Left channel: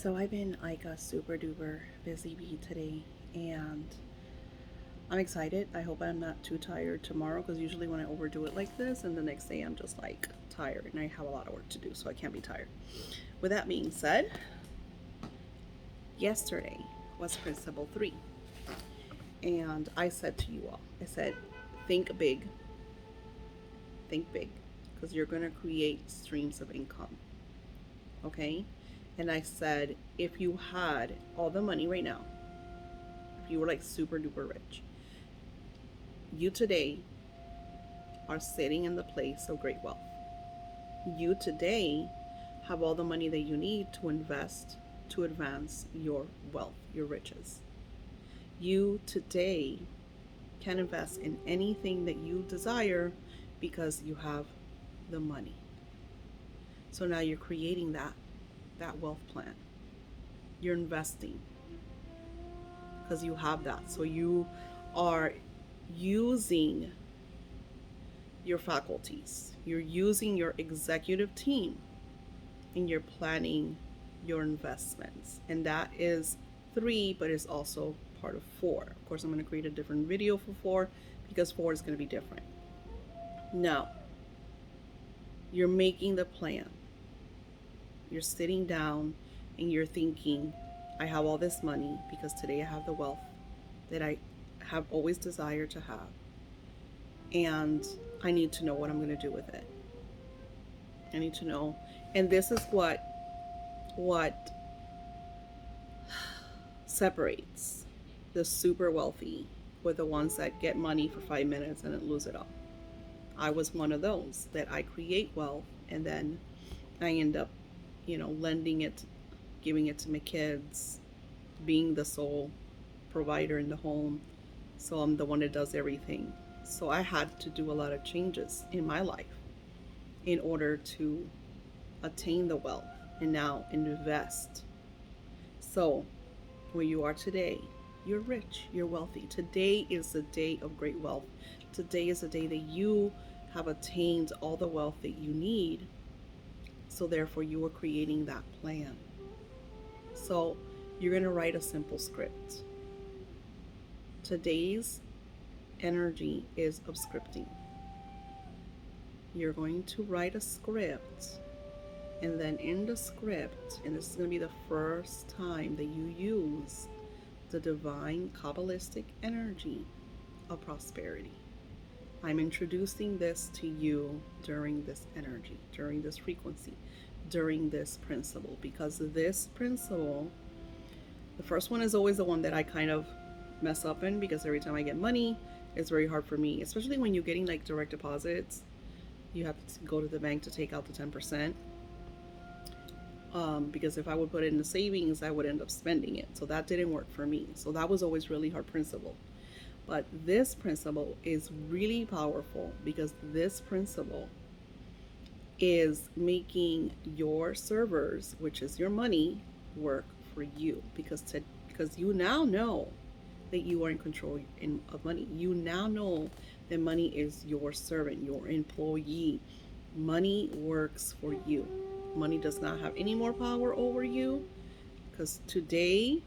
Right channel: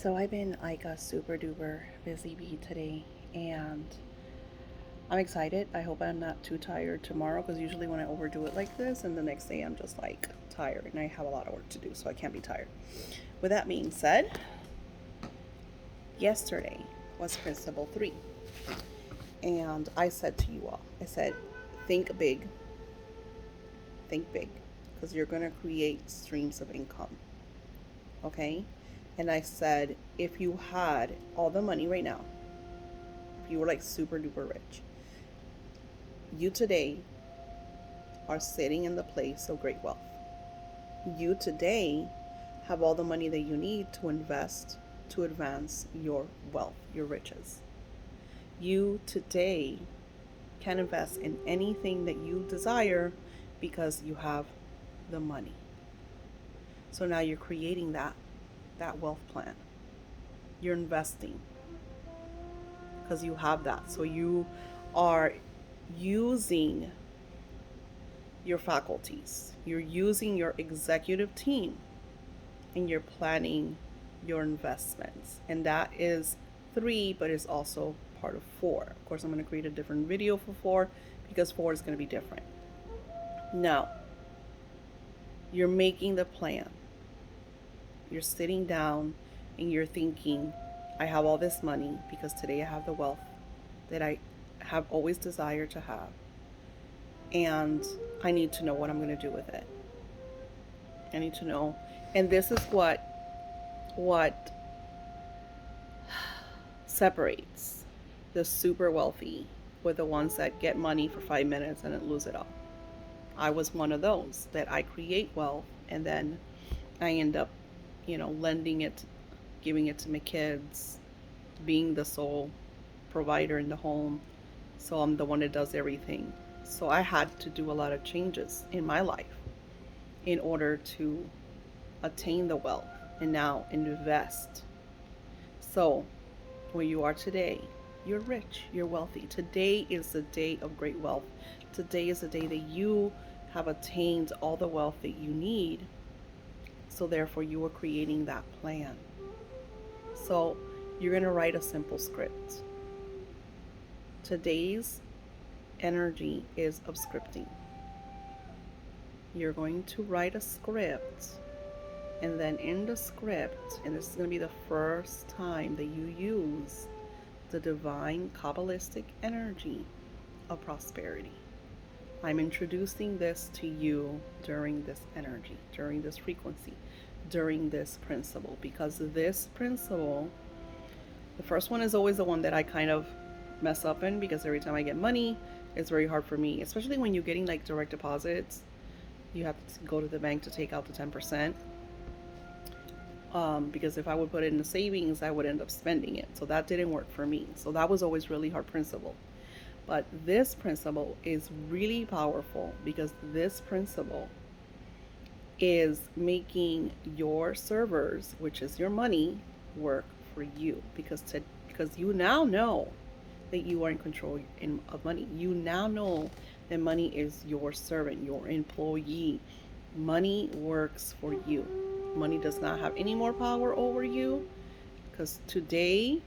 So I've been like a super duper busy bee today, and I'm excited. I hope I'm not too tired tomorrow because usually when I overdo it like this, and the next day I'm just like tired and I have a lot of work to do, so I can't be tired. With that being said, yesterday was Principle 3, and I said to you all, I said, think big, because you're going to create streams of income, okay? And I said, if you had all the money right now, if you were like super duper rich, you today are sitting in the place of great wealth. You today have all the money that you need to invest to advance your wealth, your riches. You today can invest in anything that you desire because you have the money. So now you're creating that wealth plan. You're investing because you have that. So you are using your faculties. You're using your executive team and you're planning your investments. And that is 3, but it's also part of 4. Of course, I'm going to create a different video for 4 because 4 is going to be different. Now, you're making the plan. You're sitting down and you're thinking, I have all this money because today I have the wealth that I have always desired to have. And I need to know what I'm going to do with it. I need to know. And this is what separates the super wealthy with the ones that get money for 5 minutes and then lose it all. I was one of those that I create wealth and then I end up, lending it, giving it to my kids, being the sole provider in the home. So I'm the one that does everything. So I had to do a lot of changes in my life in order to attain the wealth and now invest. So where you are today, you're rich, you're wealthy. Today is the day of great wealth. Today is the day that you have attained all the wealth that you need. So therefore you are creating that plan. So you're going to write a simple script. Today's energy is of scripting. You're going to write a script, and then in the script, and this is going to be the first time that you use the divine Kabbalistic energy of prosperity. I'm introducing this to you during this energy, during this frequency, during this principle, because this principle, the first one is always the one that I kind of mess up in, because every time I get money, it's very hard for me, especially when you're getting like direct deposits. You have to go to the bank to take out the 10%. Because if I would put it in the savings, I would end up spending it. So that didn't work for me. So that was always really hard principle. But this principle is really powerful because this principle is making your servers, which is your money, work for you. Because you now know that you are in control of money. You now know that money is your servant, your employee. Money works for you. Money does not have any more power over you, because today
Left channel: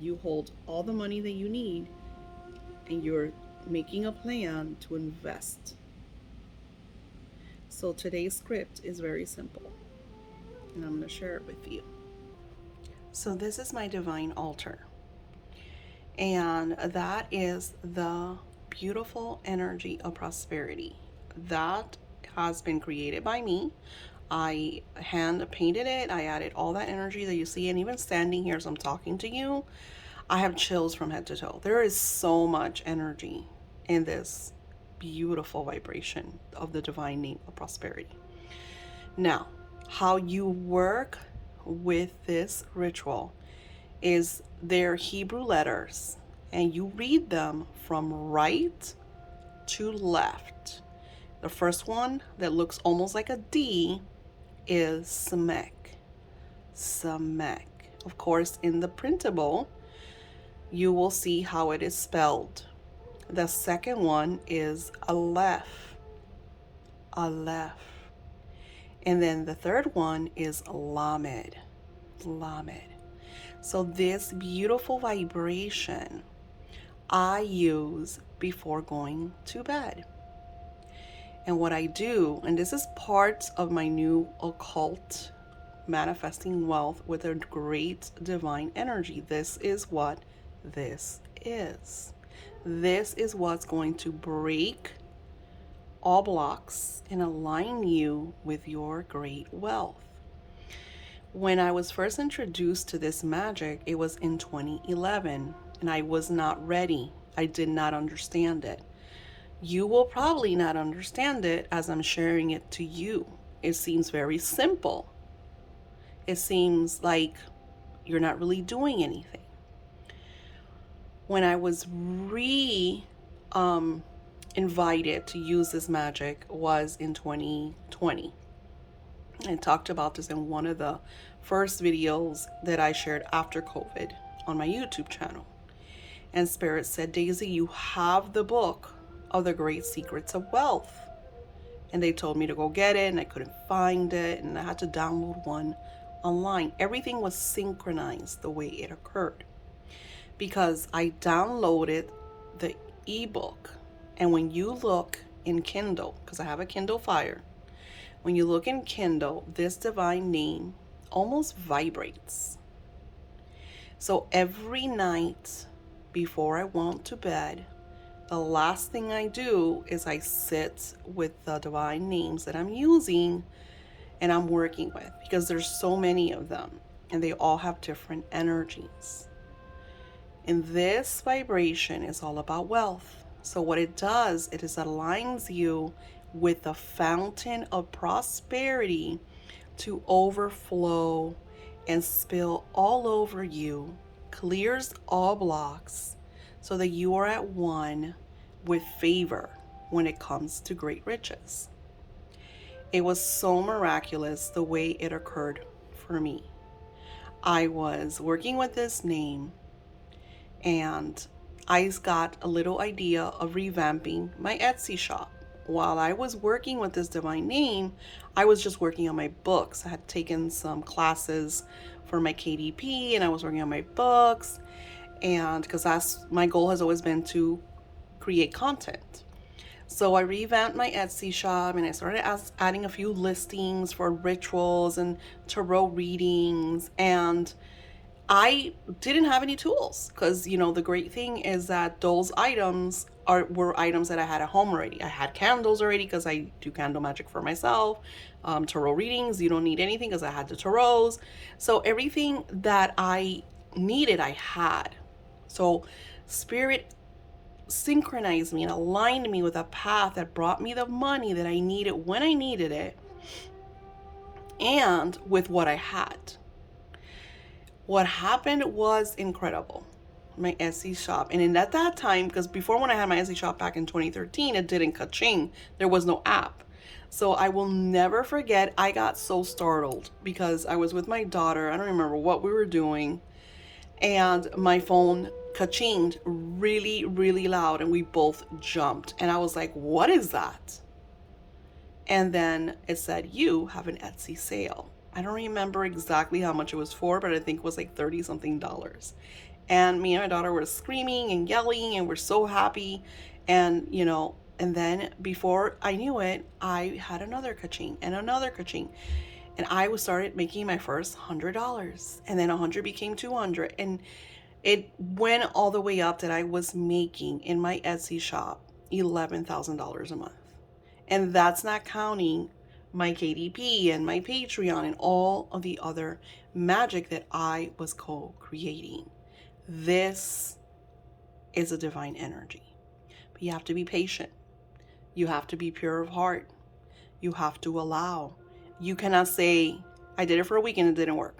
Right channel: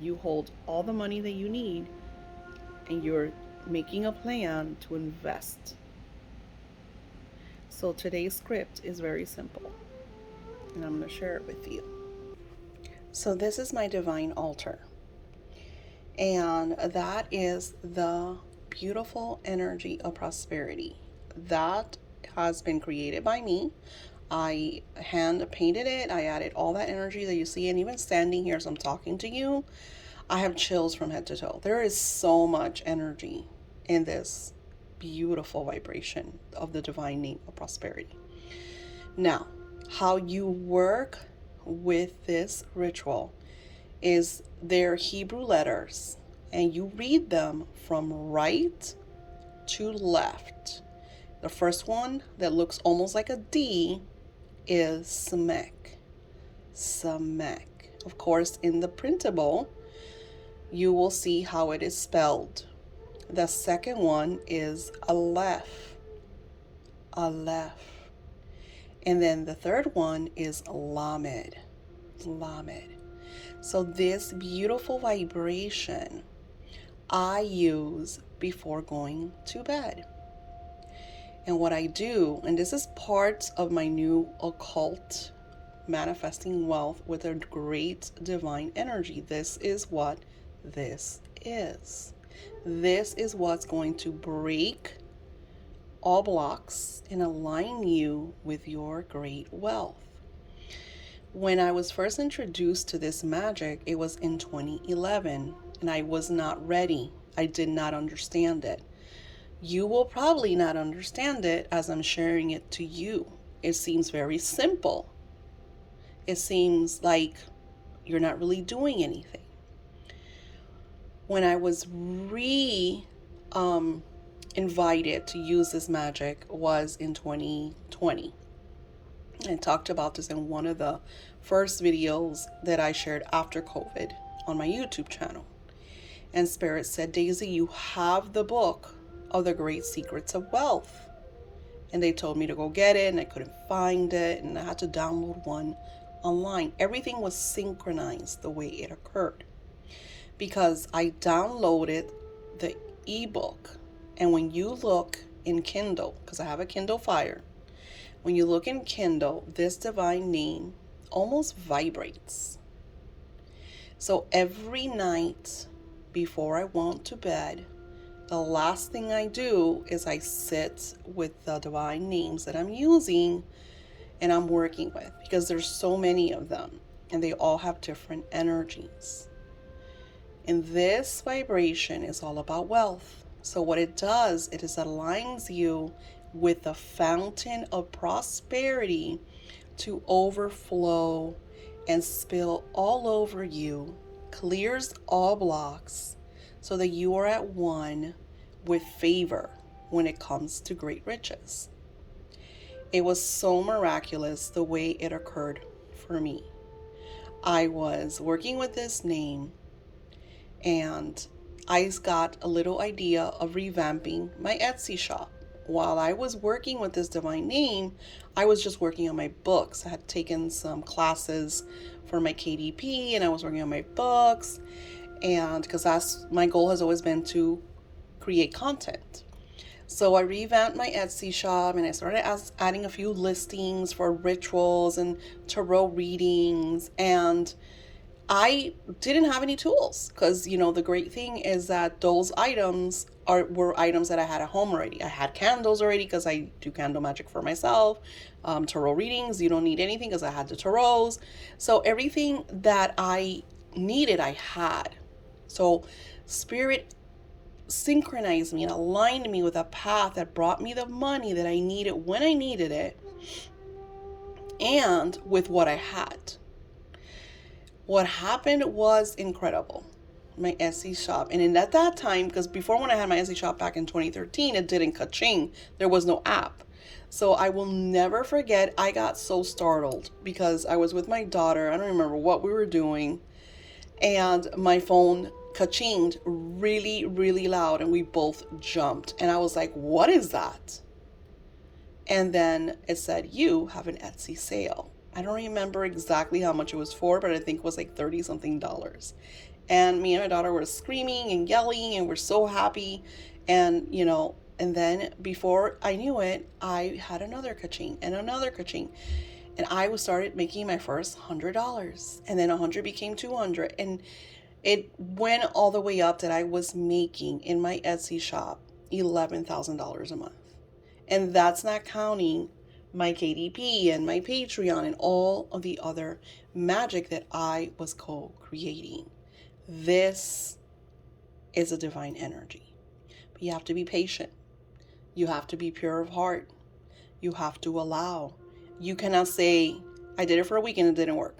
you hold all the money that you need and you're making a plan to invest. So today's script is very simple, and I'm going to share it with you. So this is my divine altar, and that is the beautiful energy of prosperity that has been created by me. I hand painted it. I added all that energy that you see, and even standing here as I'm talking to you, I have chills from head to toe. There is so much energy in this beautiful vibration of the divine name of prosperity. Now, how you work with this ritual is their Hebrew letters, and you read them from right to left. The first one that looks almost like a D is Samek. Samek. Of course, in the printable, you will see how it is spelled. The second one is Aleph. Aleph. And then the third one is Lamed. Lamed. So this beautiful vibration I use before going to bed. And what I do, and this is part of my new occult manifesting wealth with a great divine energy. This is what this is. This is what's going to break all blocks and align you with your great wealth. When I was first introduced to this magic, it was in 2011, and I was not ready. I did not understand it. You will probably not understand it as I'm sharing it to you. It seems very simple. It seems like you're not really doing anything. When I was invited to use this magic was in 2020. I talked about this in one of the first videos that I shared after COVID on my YouTube channel. And Spirit said, Daisy, you have the book of the Great Secrets of Wealth. And they told me to go get it, and I couldn't find it, and I had to download one online. Everything was synchronized the way it occurred, because I downloaded the ebook. And when you look in Kindle, because I have a Kindle Fire, when you look in Kindle, this divine name almost vibrates. So every night before I went to bed, the last thing I do is I sit with the divine names that I'm using and I'm working with, because there's so many of them and they all have different energies. And this vibration is all about wealth. So what it does, it is aligns you with the fountain of prosperity to overflow and spill all over you, clears all blocks, so that you are at one with favor when it comes to great riches. It was so miraculous the way it occurred for me. I was working with this name, and I got a little idea of revamping my Etsy shop. While I was working with this divine name, I was just working on my books. I had taken some classes for my KDP, and I was working on my books, and because that's my goal has always been to create content. So I revamped my Etsy shop, and I started adding a few listings for rituals and tarot readings, and I didn't have any tools, because the great thing is that those items were items that I had at home already. I had candles already, because I do candle magic for myself. Tarot readings, you don't need anything, because I had the tarots. So everything that I needed, I had. So Spirit synchronized me and aligned me with a path that brought me the money that I needed when I needed it, and with what I had. What happened was incredible. My Etsy shop, and at that time, because before, when I had my Etsy shop back in 2013, it didn't ka-ching. There was no app. So I will never forget, I got so startled because I was with my daughter. I don't remember what we were doing, and my phone ka-chinged really, really loud, and we both jumped. And I was like, what is that? And then it said, you have an Etsy sale. I don't remember exactly how much it was for, but I think it was like $30-something. And me and my daughter were screaming and yelling, and we're so happy. And, and then before I knew it, I had another ka-ching and another ka-ching. And I started making my first $100. And then 100 became 200. And it went all the way up that I was making in my Etsy shop $11,000 a month. And that's not counting my KDP and my Patreon and all of the other magic that I was co-creating. This is a divine energy. But you have to be patient. You have to be pure of heart. You have to allow. You cannot say, I did it for a week and it didn't work.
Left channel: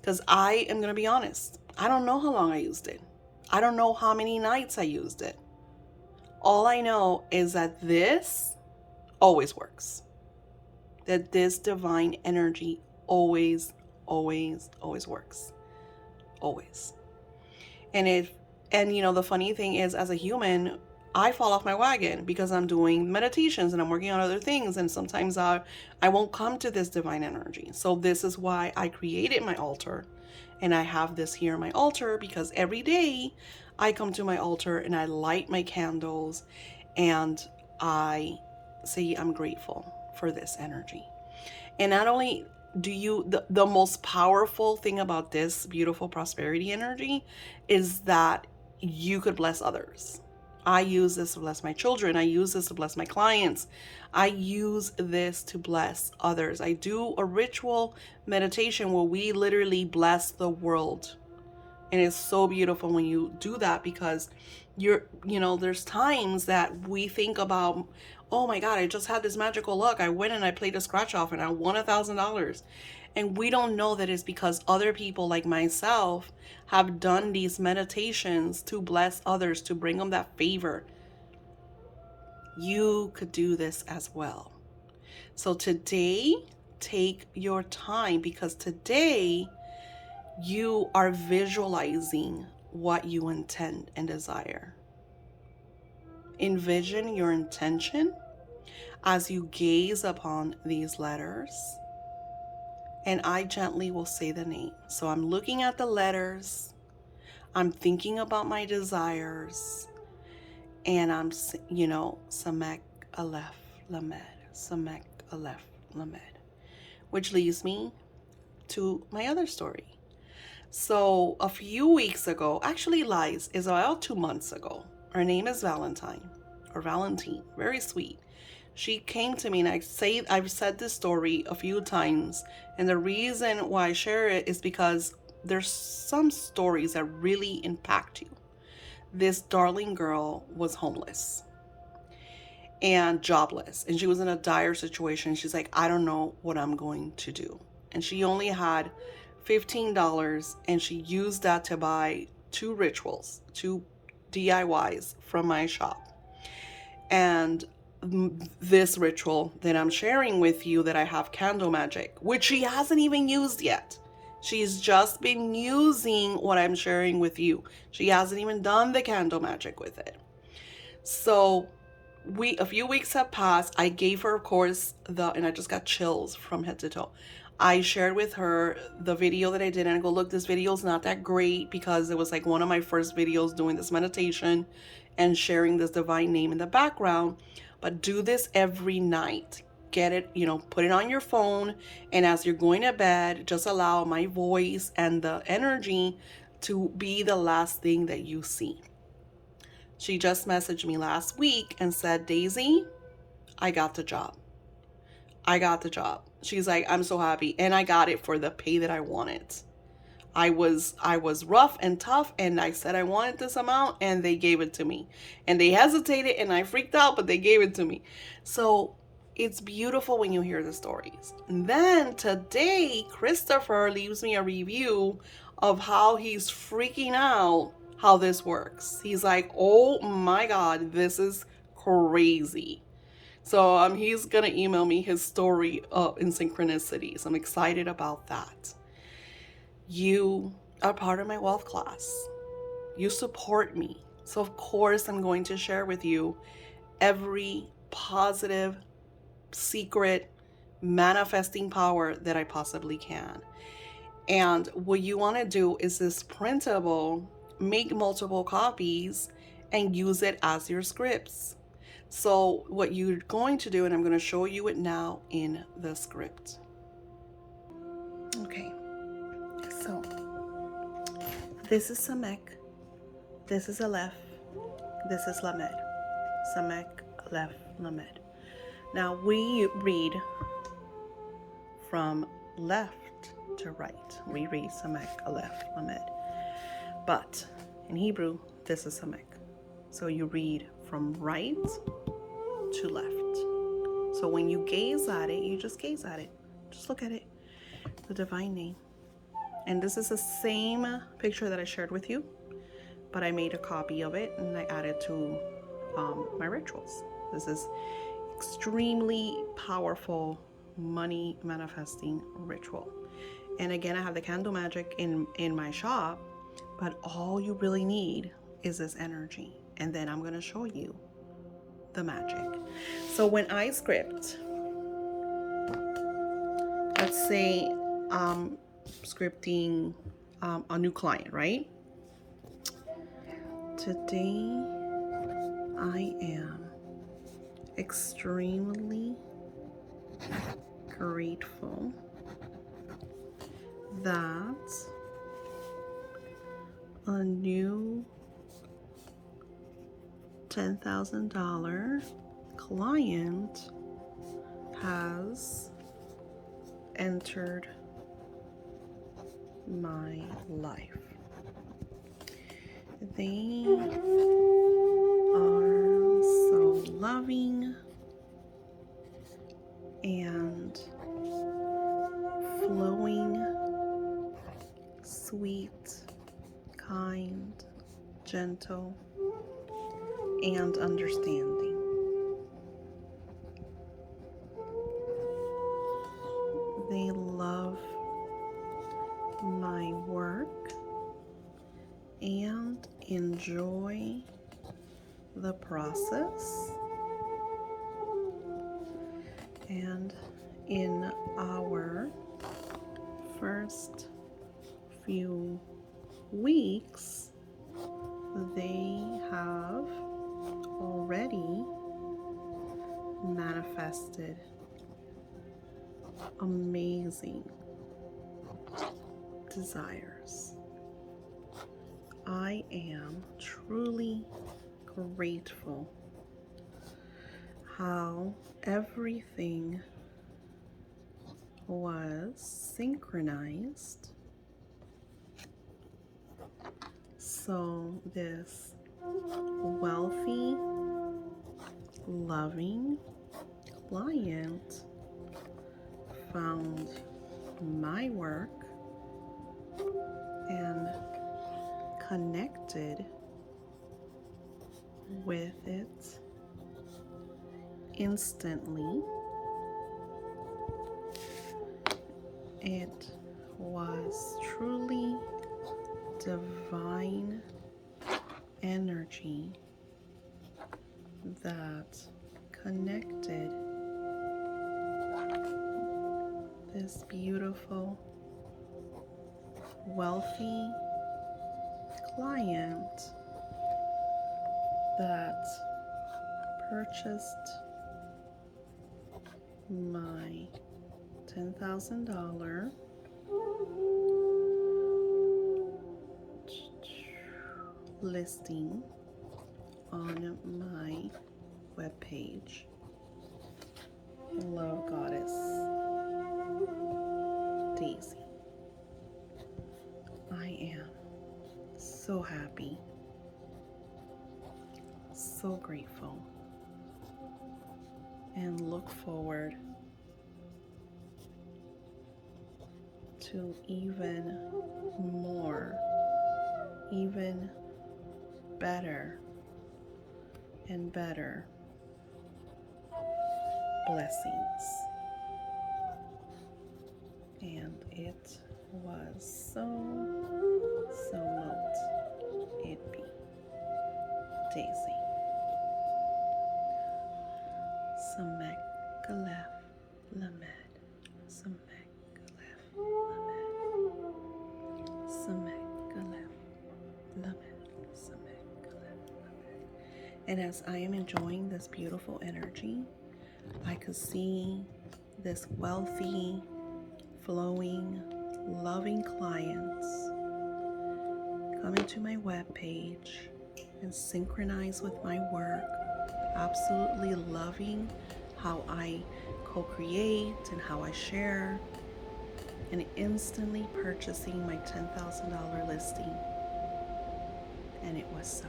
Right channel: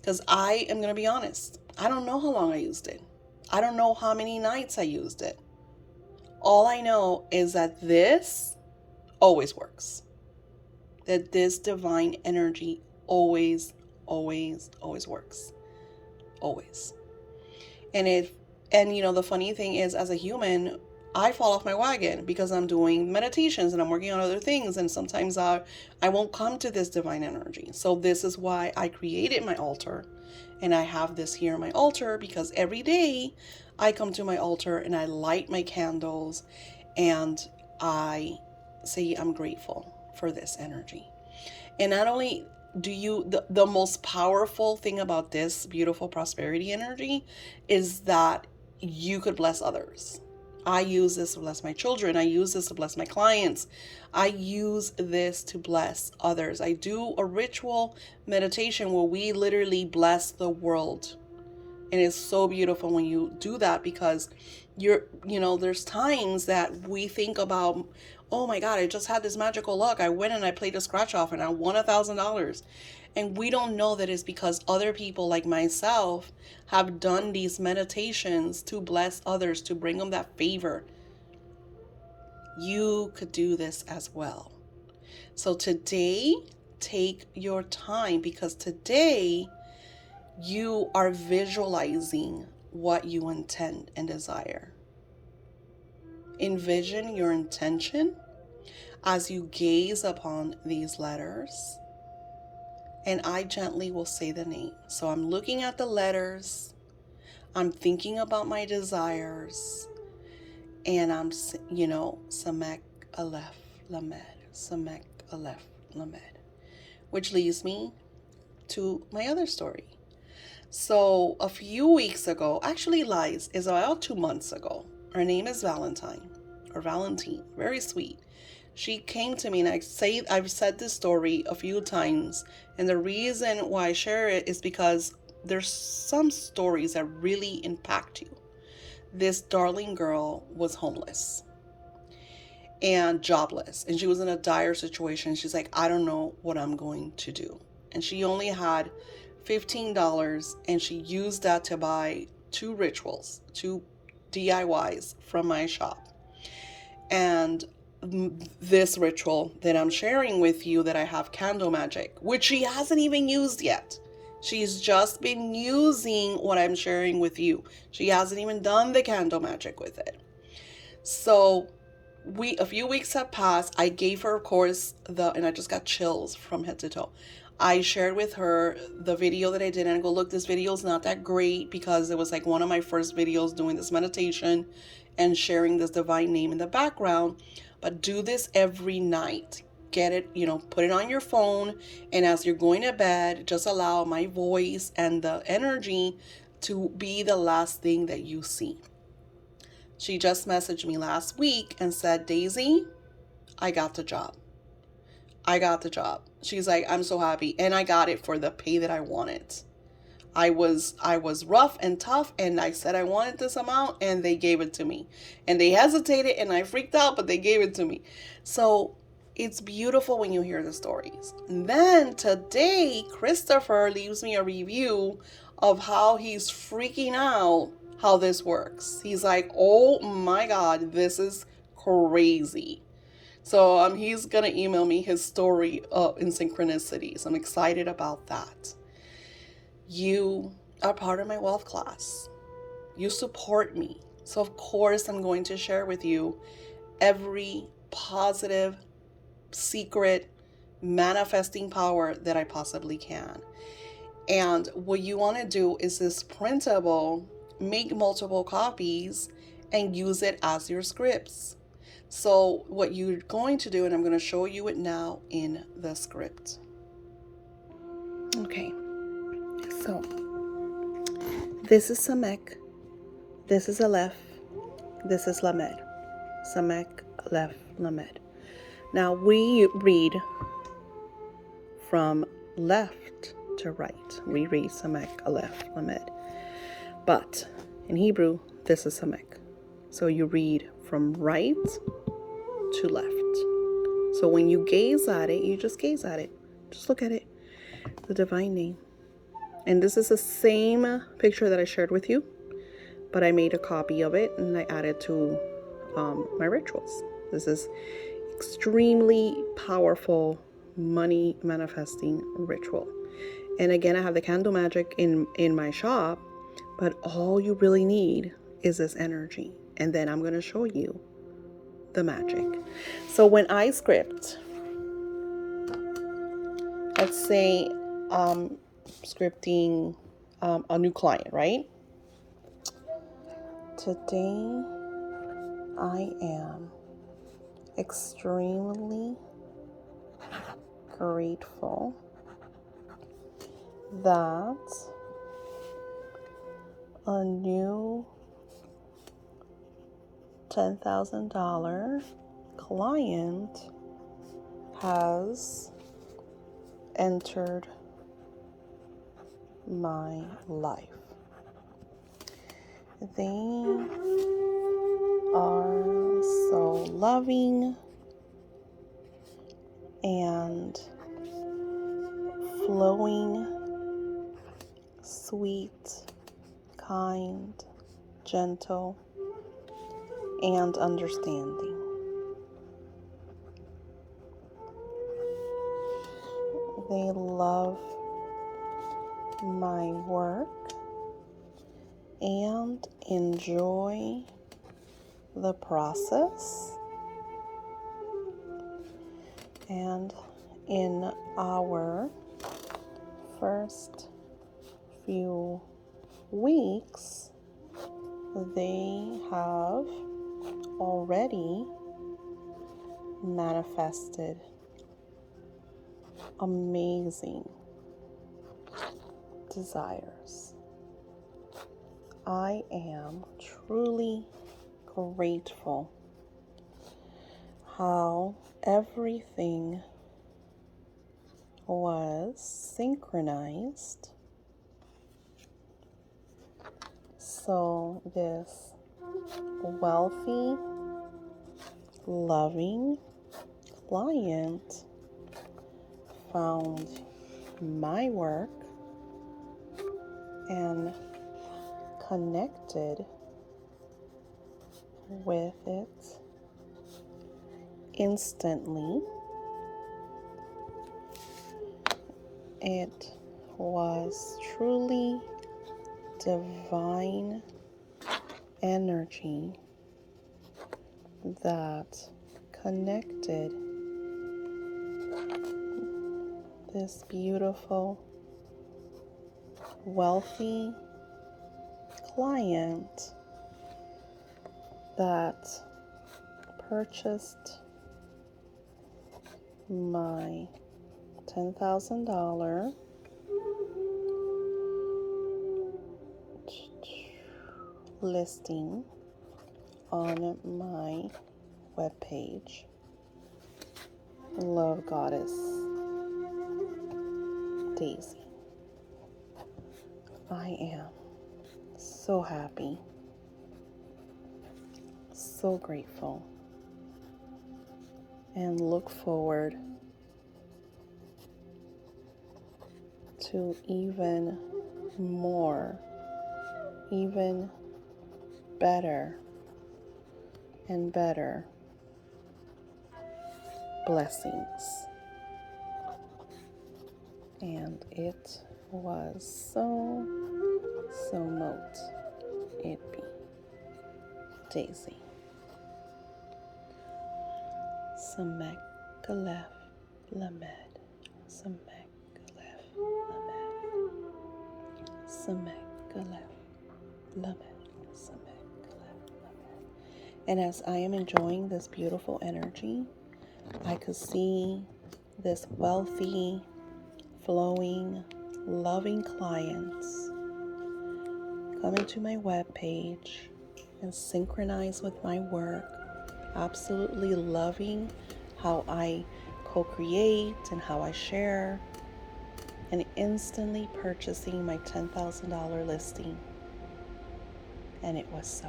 Because I am going to be honest. I don't know how long I used it. I don't know how many nights I used it. All I know is that this always works. That this divine energy always, always, always works. Always. And the funny thing is, as a human, I fall off my wagon because I'm doing meditations and I'm working on other things. And sometimes I won't come to this divine energy. So this is why I created my altar. And I have this here on my altar because every day I come to my altar and I light my candles and I say I'm grateful for this energy. And not only do you, the most powerful thing about this beautiful prosperity energy is that you could bless others. I use this to bless my children. I use this to bless my clients. I use this to bless others. I do a ritual meditation where we literally bless the world. And it's so beautiful when you do that because there's times that we think about, oh my God, I just had this magical luck. I went and I played a scratch off and I won $1,000. And we don't know that it's because other people like myself have done these meditations to bless others, to bring them that favor. You could do this as well. So today, take your time because today you are visualizing what you intend and desire. Envision your intention as you gaze upon these letters, and I gently will say the name. So I'm looking at the letters, I'm thinking about my desires, and I'm, Samek Aleph Lamed, Samek Aleph Lamed, which leads me to my other story. So a few weeks ago, actually lies, is about 2 months ago. Her name is Valentine, or Valentine, very sweet. She came to me, and I've said this story a few times, and the reason why I share it is because there's some stories that really impact you. This darling girl was homeless and jobless, and she was in a dire situation. She's like, I don't know what I'm going to do. And she only had $15, and she used that to buy 2 rituals, 2 DIYs from my shop. And this ritual that I'm sharing with you that I have candle magic, which she hasn't even used yet. She's just been using what I'm sharing with you. She hasn't even done the candle magic with it. So a few weeks have passed. I gave her, of course, and I just got chills from head to toe. I shared with her the video that I did, and I go, look, this video is not that great because it was like one of my first videos doing this meditation and sharing this divine name in the background. But do this every night. Get it, put it on your phone, and as you're going to bed, just allow my voice and the energy to be the last thing that you see. She just messaged me last week and said, Daisy, I got the job. She's like, I'm so happy. And I got it for the pay that I wanted. I was rough and tough, and I said I wanted this amount, and they gave it to me. And they hesitated, and I freaked out, but they gave it to me. So it's beautiful when you hear the stories. And then today, Christopher leaves me a review of how he's freaking out how this works. He's like, oh my God, this is crazy. So he's going to email me his story in synchronicities. I'm excited about that. You are part of my wealth class. You support me. So of course I'm going to share with you every positive, secret, manifesting power that I possibly can. And what you want to do is this printable, make multiple copies and use it as your scripts. So what you're going to do, and I'm going to show you it now in the script. Okay, so this is Samek, this is Aleph, this is Lamed. Samek, Aleph, Lamed. Now we read from left to right. We read Samek, Aleph, Lamed. But in Hebrew, this is Samek. So you read from right to left. So when you gaze at it, you just gaze at it. Just look at it. The divine name. And this is the same picture that I shared with you, but I made a copy of it and I added to my rituals. This is extremely powerful money manifesting ritual. And again, I have the candle magic in my shop, but all you really need is this energy. and then I'm going to show you the magic. So when I script, let's say scripting a new client, right? Today I am extremely grateful that a new $10,000 client has entered my life. They are so loving and flowing, sweet, kind, gentle, and understanding. They love my work and enjoy the process. And in our first few weeks, they have already manifested amazing desires. I am truly grateful how everything was synchronized so this wealthy, loving client found my work and connected with it instantly. It was truly divine energy that connected this beautiful, wealthy client that purchased my $10,000 listing on my webpage, Love Goddess Daisy. I am so happy, so grateful, and look forward to even more, even better and better blessings. And it was so mote it be. Daisy. Samek Galef Lamed. Samek Galef Lamed. Samek Galef Lamed. Samek Galef Lamed. And as I am enjoying this beautiful energy, I could see this wealthy, flowing, loving clients coming to my webpage and synchronize with my work, absolutely loving how I co-create and how I share, and instantly purchasing my $10,000 listing. And it was so.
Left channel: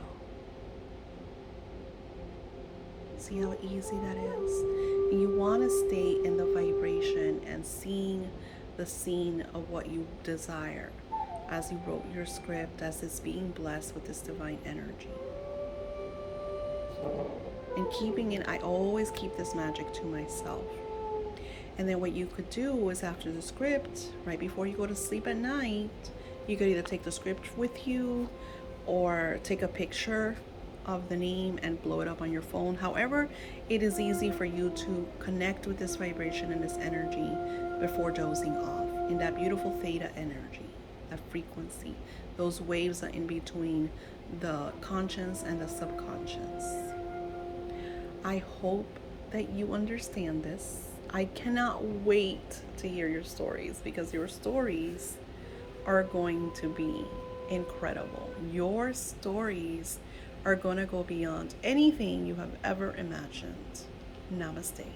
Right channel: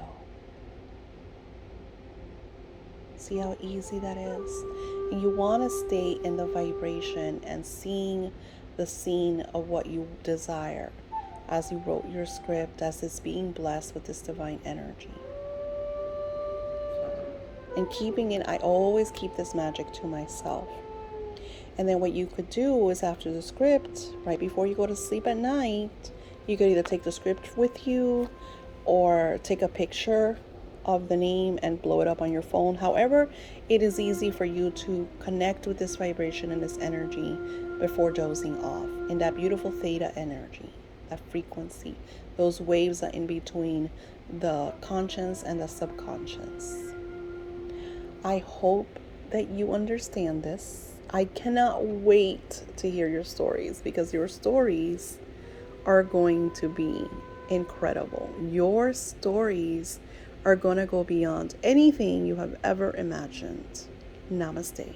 See how easy that is? And you want to stay in the vibration and seeing the scene of what you desire as you wrote your script, as it's being blessed with this divine energy. And keeping it, I always keep this magic to myself. And then what you could do is after the script, right before you go to sleep at night, you could either take the script with you or take a picture of the name and blow it up on your phone. However, it is easy for you to connect with this vibration and this energy before dozing off in that beautiful theta energy, that frequency. Those waves are in between the conscious and the subconscious. I hope that you understand this. I cannot wait to hear your stories, because your stories are going to be incredible. Your stories are going to go beyond anything you have ever imagined. Namaste.